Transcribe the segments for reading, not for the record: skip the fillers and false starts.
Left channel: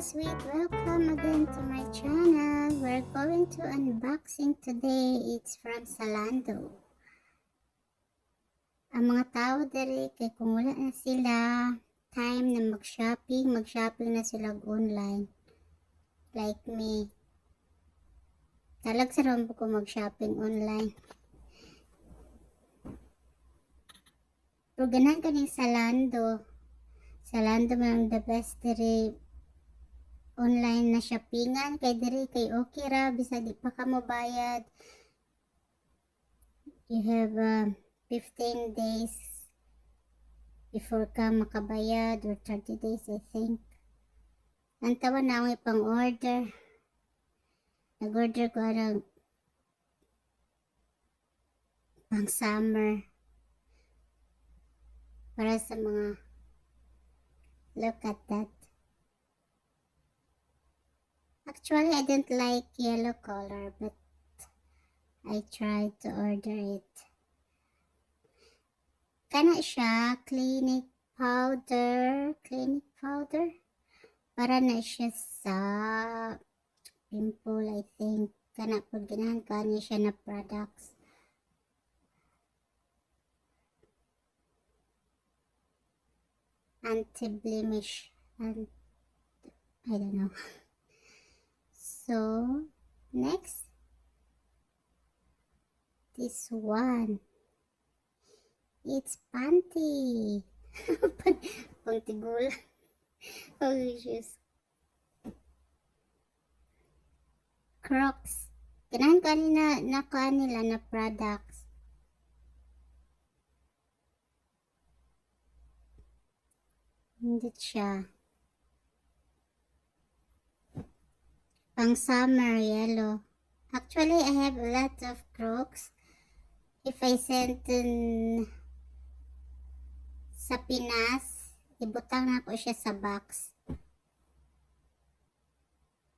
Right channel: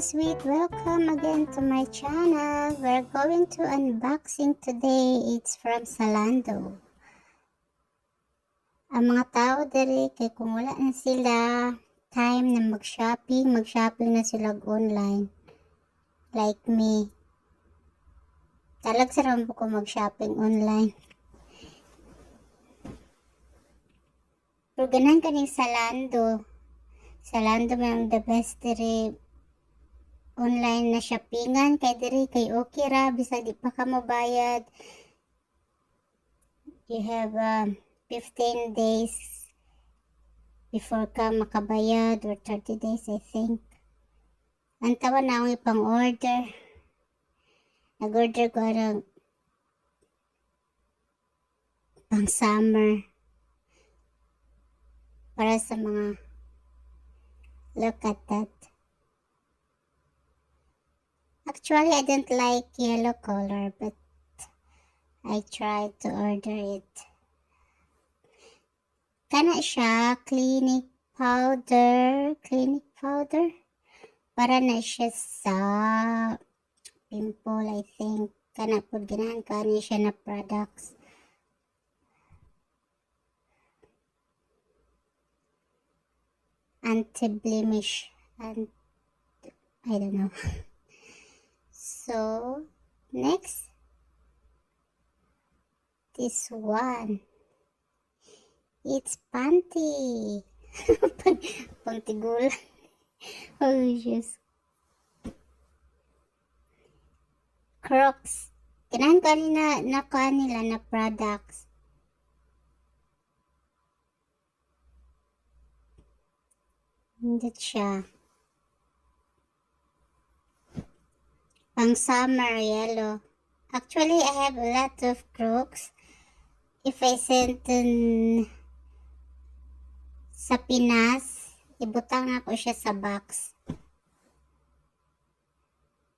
Kasweet, welcome again to my channel. We're going to unboxing today. It's from Zalando. Ang mga tao dere kay kung wala na sila time na mag-shopping na sila online. Like me. Talag sa ko mag-shopping online. Pero ganan kaning Zalando. Zalando man the best dere online na shoppingan kay diri kay okay ra bisag di pa ka mo bayad. You have 15 days before ka makabayad or 30 days I think. Ang tawa na akong ipang order. Nag-order ko arang pang summer para sa mga look at that. Actually, I don't like yellow color, but I tried to order it. Kana siya, clinic powder. Para na siya sa pimple, I think. Kana po, ganahan ka niya siya na products. Anti-blemish. And I don't know. So, next, this one. It's panty. Pantigul. Oh, just Crocs. Kailangan kanina nakuha nila na products. Hindi siya. Pang summer yellow. Actually, I have a lot of Crocs. If I send sa Pinas, ibutang na ko siya sa box.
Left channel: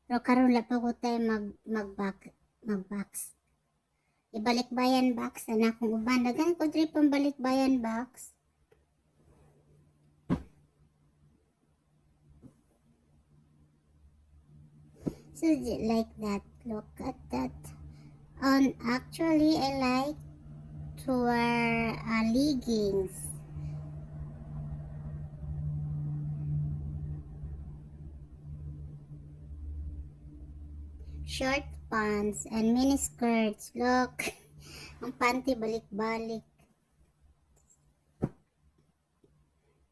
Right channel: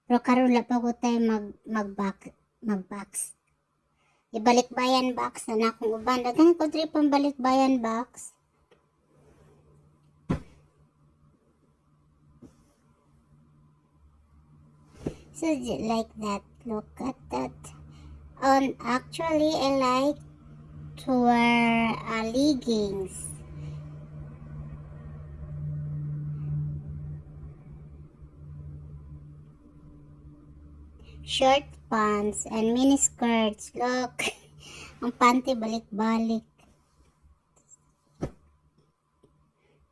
Pero karon lang pa ko tayo mag-box. Ibalikbayan box na akong uban. Dagan ko diri pang balikbayan box. So like that. Look at that. Actually, I like to wear leggings. Short pants and mini skirts. Look, ang panty balik-balik.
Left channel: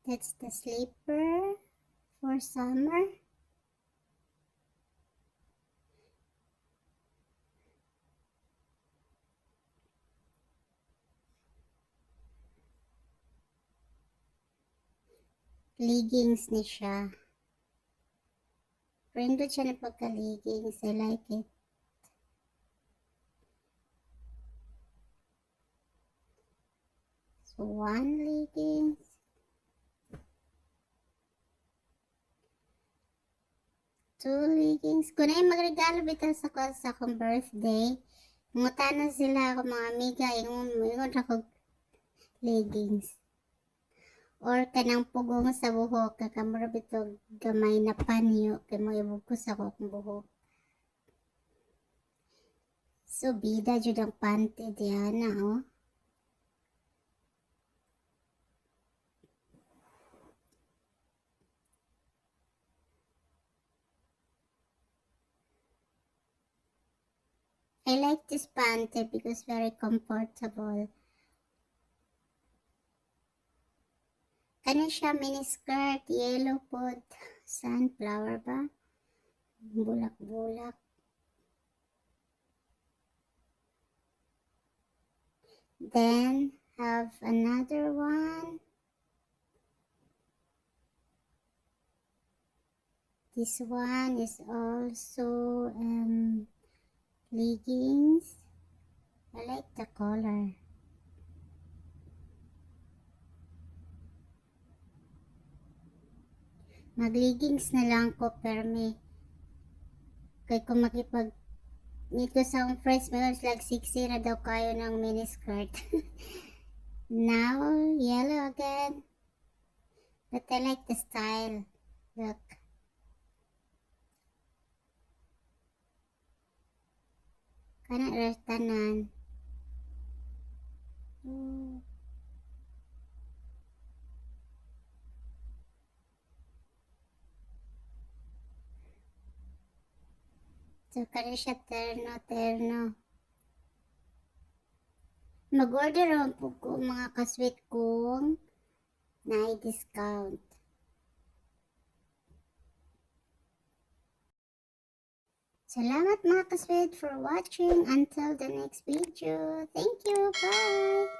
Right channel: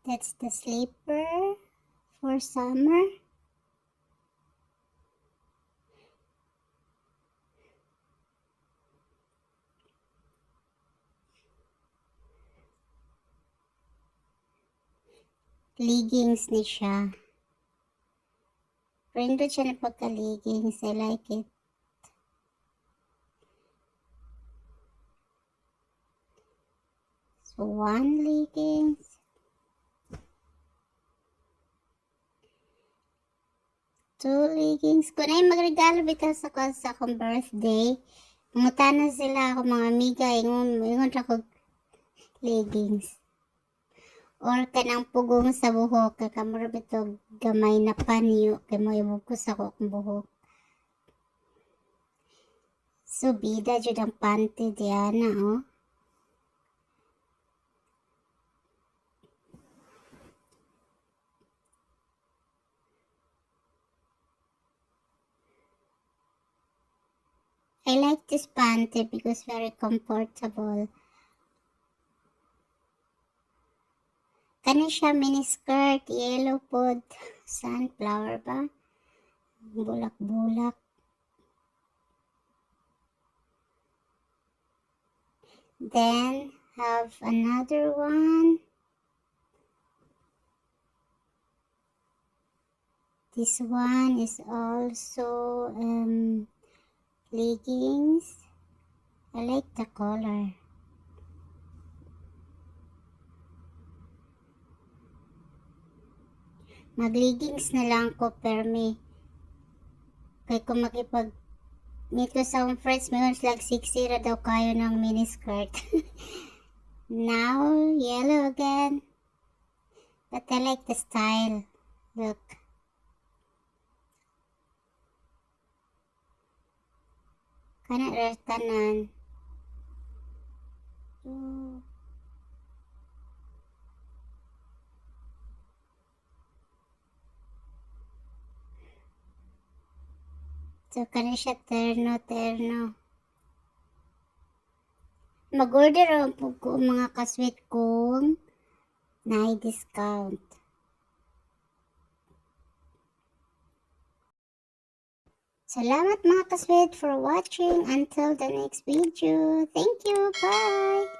That's the slipper for summer. Leggings ni siya. Prindot siya na pagka-leggings. I like it. So, one leggings. Two leggings. Kung na yung magregalo bitaw sa akong birthday, mangutana sila ako mga amiga, ingon ako leggings. Or kanang pugong sa buhok, kakamura bitaw gamay na panyo, kay mo ibugkos ako akong buhok. So, bida jud ang panty diana, oh. I like this panty because very comfortable. Kana siya mini skirt, yellow pod, sunflower ba? Bulak-bulak. Then have another one. This one is also leggings. I like the color. Mag-leggings na lang ko permi. Kaya kung makipag-meet ko sa akong friends, mayroon sila 60 ra daw kayo ng mini skirt. Now, yellow again. But I like the style. Look. Kana ra tanan. So, kana siya terno. Mag-order ang po ko mga kasweet kong na-discount. Salamat mga kasweet for watching. Until the next video. Thank you. Bye!